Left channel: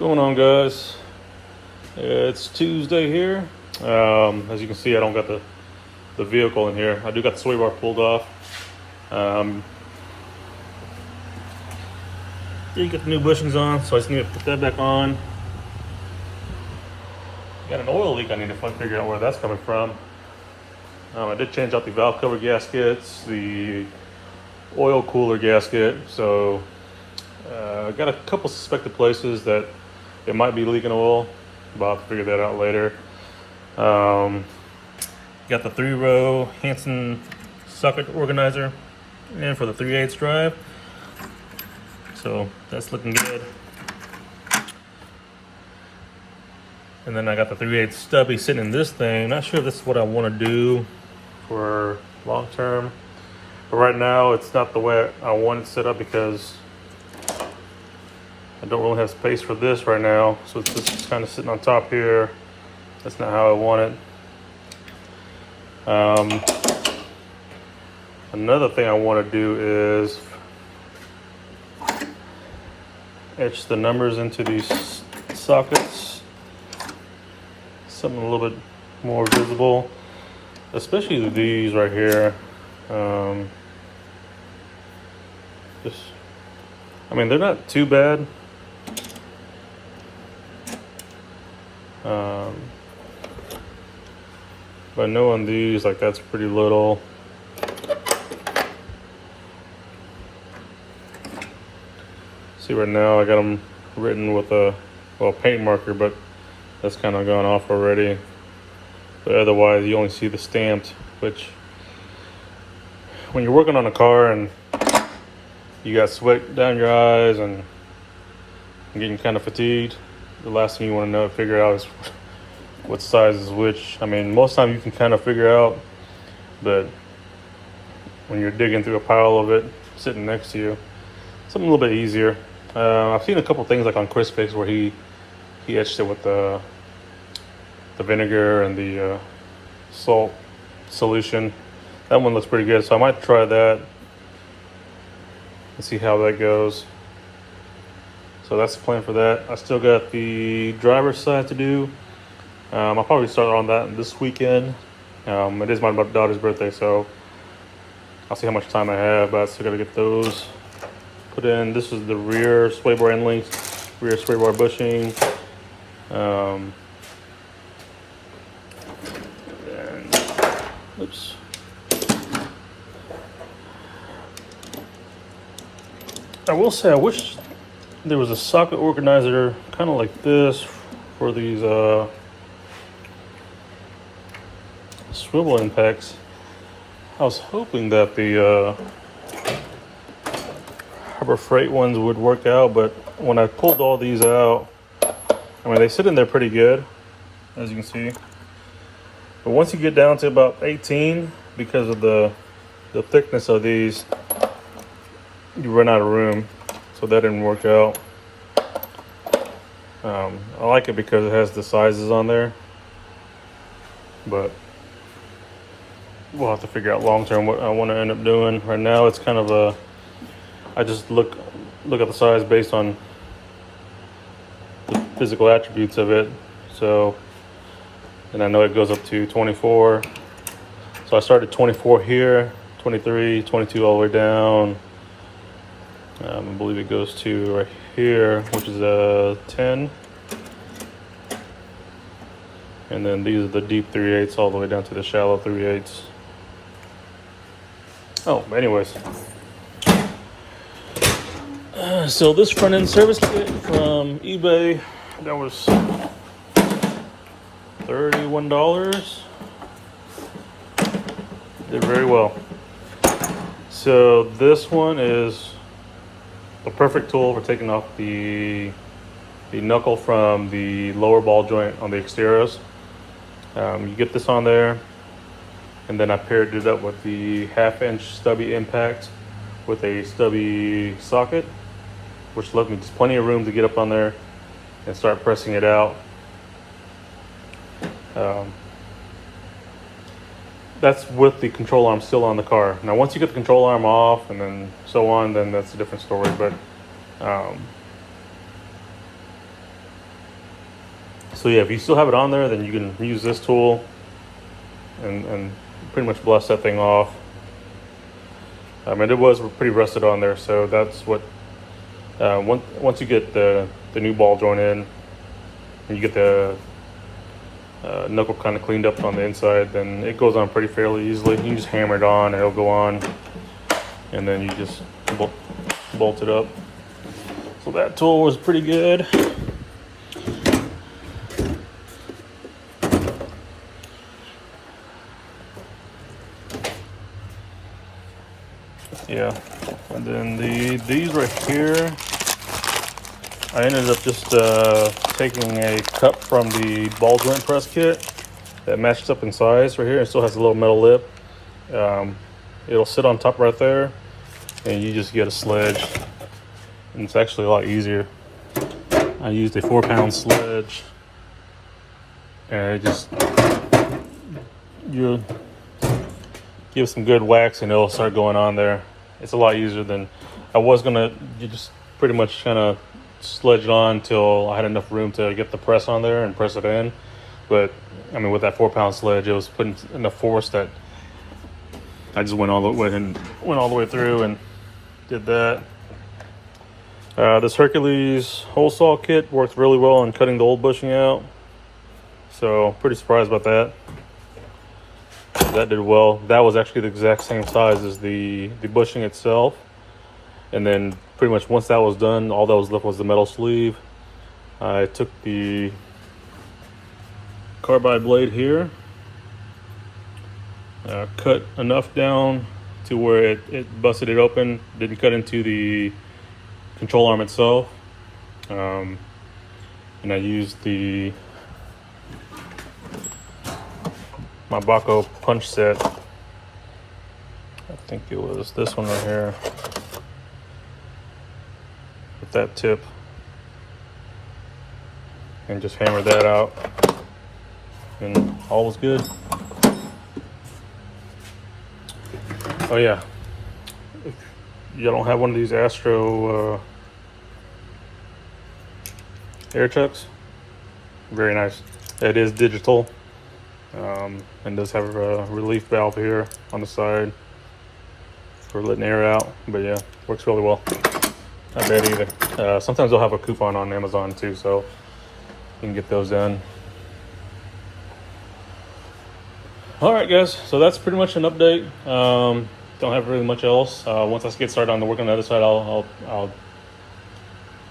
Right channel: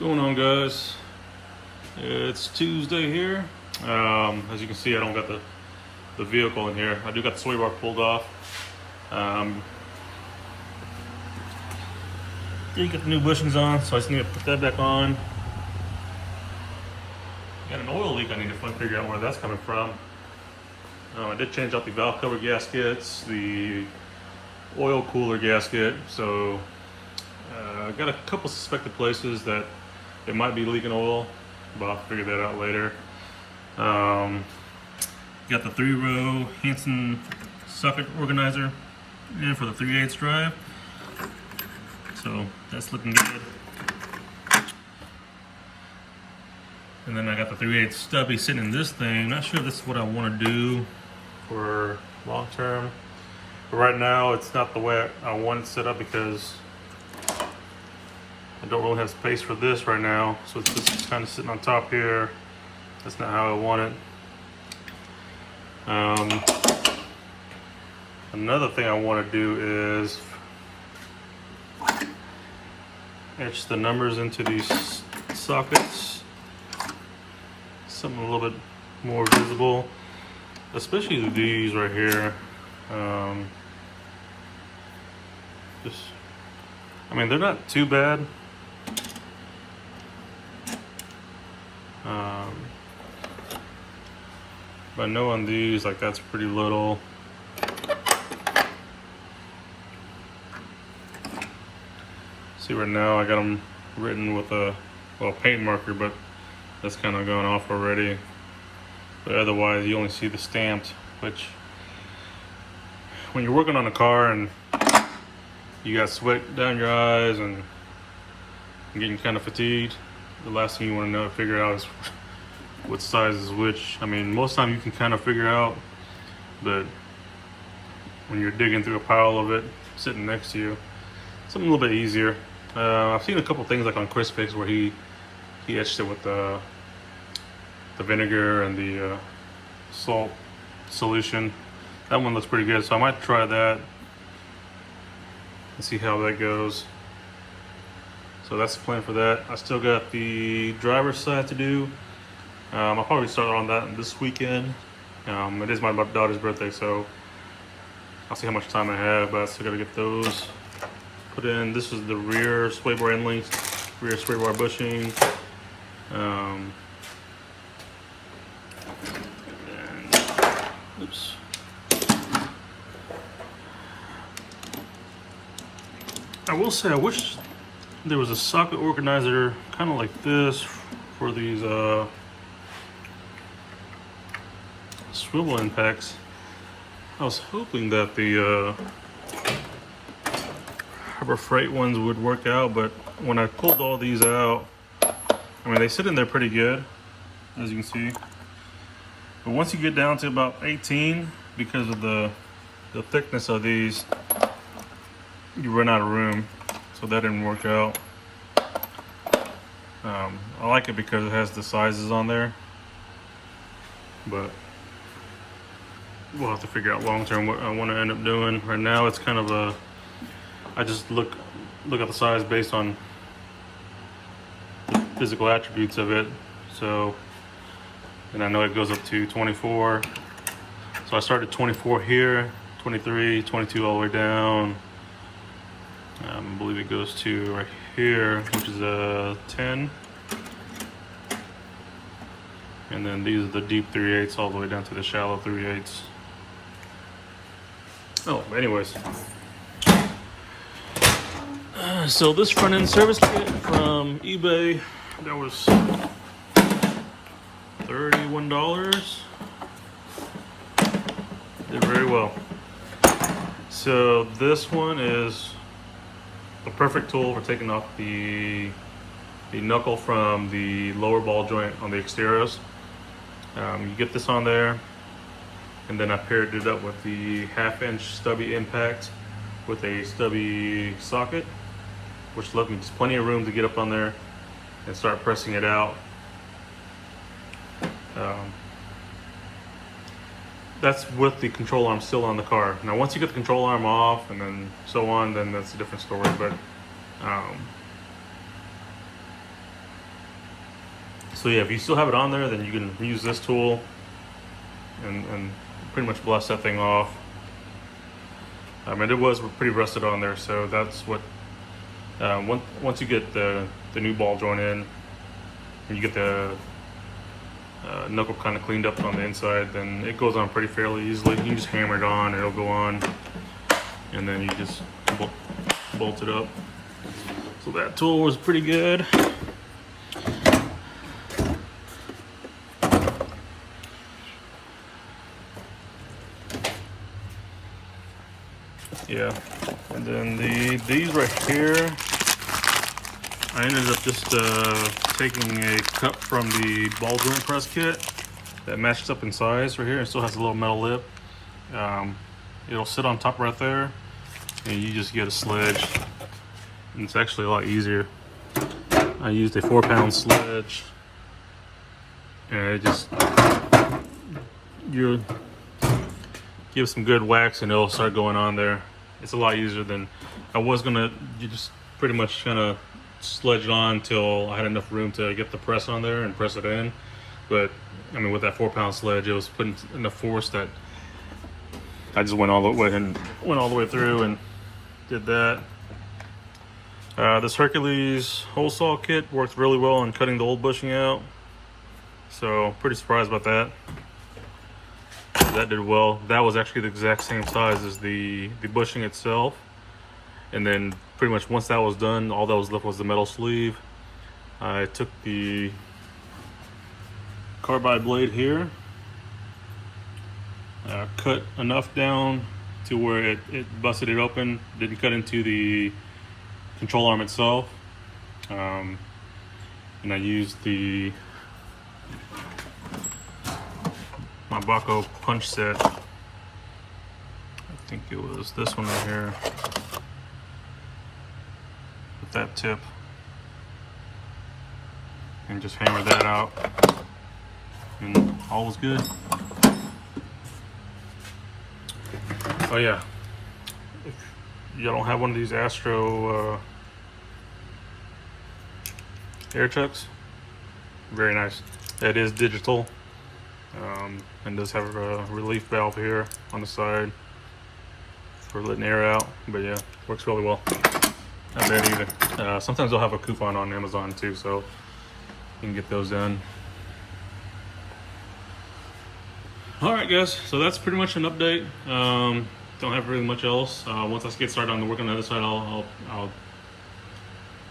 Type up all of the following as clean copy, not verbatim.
Going on, guys? It's Tuesday here. As you can see, I don't got the vehicle in here. I do got the sway bar pulled off. You get the new bushings on, so I just need to put that back on. Got an oil leak I need to figure out where that's coming from. I did change out the valve cover gaskets, the oil cooler gasket, so I got a couple suspected places that it might be leaking oil, but I'll figure that out later. Got the 3-row Hanson socket organizer and for the 3/8 drive, so that's looking good. And then I got the 3/8 stubby sitting in this thing. Not sure if this is what I want to do for long term, but right now it's not the way I want it set up because I don't really have space for this right now, so it's just kind of sitting on top here. That's not how I want it. Another thing I want to do is etch the numbers into these sockets, something a little bit more visible, especially these right here. I mean, they're not too bad. But knowing these, like, that's pretty little. See, right now I got them written with a paint marker, but that's kind of gone off already. But otherwise, you only see the stamped, which when you're working on a car and you got sweat down your eyes and getting kind of fatigued, the last thing you want to figure out is what size is which. I mean, most time you can kind of figure out, but when you're digging through a pile of it sitting next to you, something a little bit easier. I've seen a couple things like on Chris Fix where he etched it with the vinegar and the salt solution. That one looks pretty good, so I might try that and see how that goes. So that's the plan for that. I still got the driver's side to do. I'll probably start on that this weekend. It is my daughter's birthday, so I'll see how much time I have, but I still gotta get those put in. This is the rear sway bar end length, rear sway bar bushing. Oops. I will say I wish there was a socket organizer kind of like this for these swivel impacts. I was hoping that the Harbor Freight ones would work out, but when I pulled all these out, I mean, they sit in there pretty good, as you can see. But once you get down to about 18, because of the thickness of these, you run out of room. So that didn't work out. I like it because it has the sizes on there, but we'll have to figure out long term what I want to end up doing. Right now it's kind of I just look at the size based on the physical attributes of it. So, and I know it goes up to 24. So I started 24 here, 23, 22 all the way down. I believe it goes to right here, which is a 10. And then these are the deep 3/8 all the way down to the shallow 3/8. Oh, anyways. So this front end service kit from eBay, that was $31. Did very well. So this one is the perfect tool for taking off the knuckle from the lower ball joint on the Xterras. You get this on there, and then I paired it up with the 1/2-inch stubby impact with a stubby socket, which left me just plenty of room to get up on there and start pressing it out. That's with the control arm still on the car. Now, once you get the control arm off and then so on, then that's a different story. But So yeah, if you still have it on there, then you can use this tool and pretty much blast that thing off. And it was pretty rusted on there, so that's what, once you get the new ball joint in, and you get the knuckle kind of cleaned up on the inside, then it goes on pretty fairly easily. You can just hammer it on, and it'll go on, and then you just bolt it up. So that tool was pretty good. Yeah, and then these right here, I ended up just taking a cup from the ball joint press kit that matches up in size right here. It still has a little metal lip. It'll sit on top right there, and you just get a sledge. And it's actually a lot easier. I used a 4-pound sledge, and it just, you give some good wax and it'll start going on there. It's a lot easier than I was gonna. You just pretty much kind of sledge it on till I had enough room to get the press on there and press it in. But I mean, with that 4-pound sledge, it was putting enough force that I just went all the way through and did that. This Hercules hole saw kit worked really well in cutting the old bushing out, so pretty surprised about that. That did well. That was actually the exact same size as the bushing itself. And then pretty much once that was done, all that was left was the metal sleeve. I took the carbide blade here, cut enough down to where it busted it open, didn't cut into the control arm itself. And I used my Baco punch set. I think it was this one right here with that tip, and just hammered that out, and all was good. Oh yeah, if you don't have one of these Astro air chucks, very nice. It is digital. And does have a relief valve here on the side for letting air out, but yeah, works really well. Not bad either. Sometimes they'll have a coupon on Amazon too, so you can get those done. All right, guys, so that's pretty much an update. Don't have really much else. Once I get started on the work on the other side, I'll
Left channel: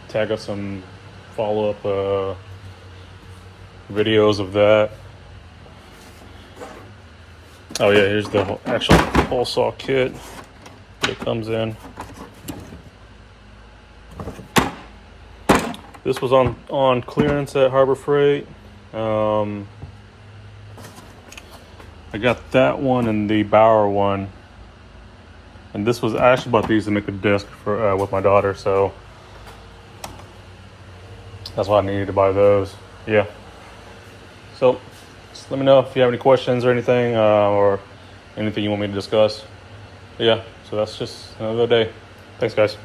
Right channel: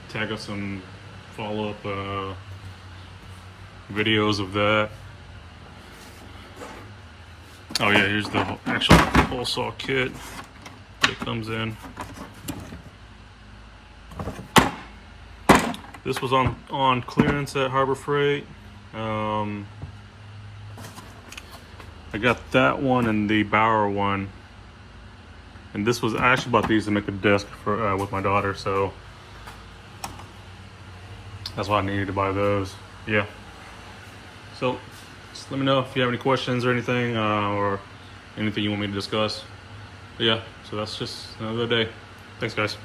tag up some follow-up videos of that. Oh yeah, here's the actual hole saw kit that comes in. This was on clearance at Harbor Freight. I got that one and the Bauer one, and this was, I actually bought these to make a desk for with my daughter, so that's why I needed to buy those. Yeah. So just let me know if you have any questions or anything, or anything you want me to discuss. But yeah, so that's just another day. Thanks, guys.